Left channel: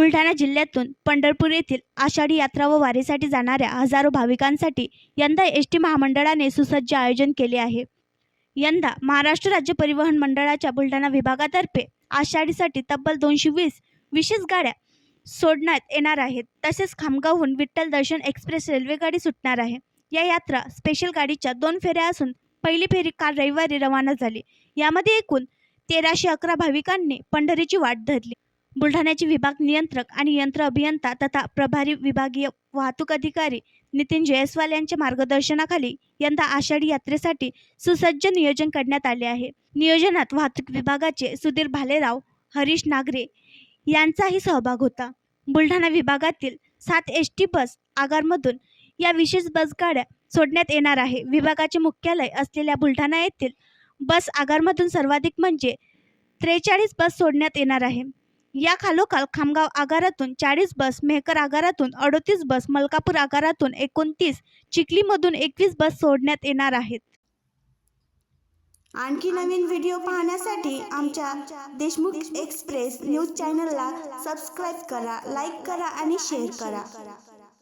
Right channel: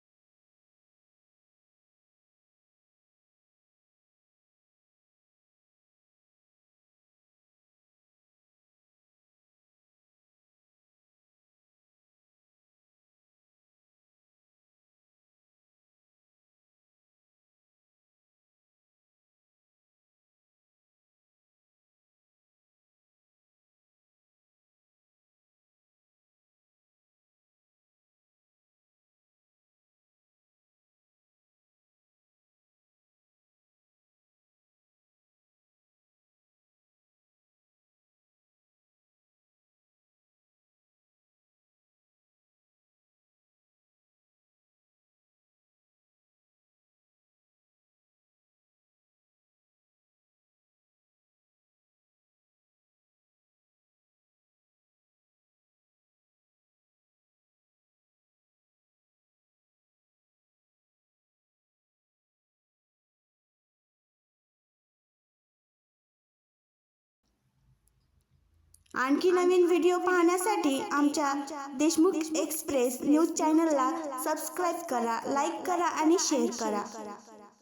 बुलढाणा जिल्ह्यातून पंढरपूर येथील आषाढी यात्रा व वारीसाठी जाणाऱ्या हजारो भाविकांसाठी यंदा एसटी महामंडळाने सुसज्ज आयोजन केले आहे। यंदा महाराष्ट्र राज्य परिवहन मंडळाच्या बुलढाणा विभागातर्फे आषाढीसाठी तब्बल 220 विशेष गाड्या सोडण्यात येणार आहेत। तसेच खामगावहून विठ्ठल दर्शन एक्सप्रेस रेल्वेगाडी सुटणार आहे। या यात्रा स्पेशल गाडीच्या 2 फेऱ्या असून पहिली फेरी काल रविवारी रवाना झाली। यामध्ये एकूण 1311 भाविकांनी पंढरीची वाट धरली। बुलढाण्याचे विभाग नियंत्रक आणि यंत्र अभियंता तथा प्रभारी विभागीय वाहतूक अधिकारी नितीन जयस्वाल यांच्या मार्गदर्शनाखाली यंदा आषाढी यात्रेसाठी सुसज्ज नियोजन करण्यात आले आहे। नियोजनात वाहतूक विभागाचे सुधीर भालेराव, हरीश नागरे यांचाही सहभाग होता। बुलढाणा विभागातील 7 एसटी बस आगारमधून या विशेष बस गाड्या सोडण्यात येणार आहे। विभागाचे मुख्यालय असलेल्या बुलढाणा येथील बस आगारमधून सर्वाधिक म्हणजे 43 बस सोडण्यात येणार आहे। या खालोखाल खामगाव आगारातून 40 बस, मेहकर आगारातून 38 बस, मलकापूर आगारातून 29, चिखलीमधून 21 बस सोडण्यात येणार आहेत। आणखी नवीन व्हिडिओ पाहण्यासाठी आमच्या देशमुख एक्सप्रेस न्यूज चॅनलला सबस्क्राईब करा, लाईक करा आणि शेअर करा।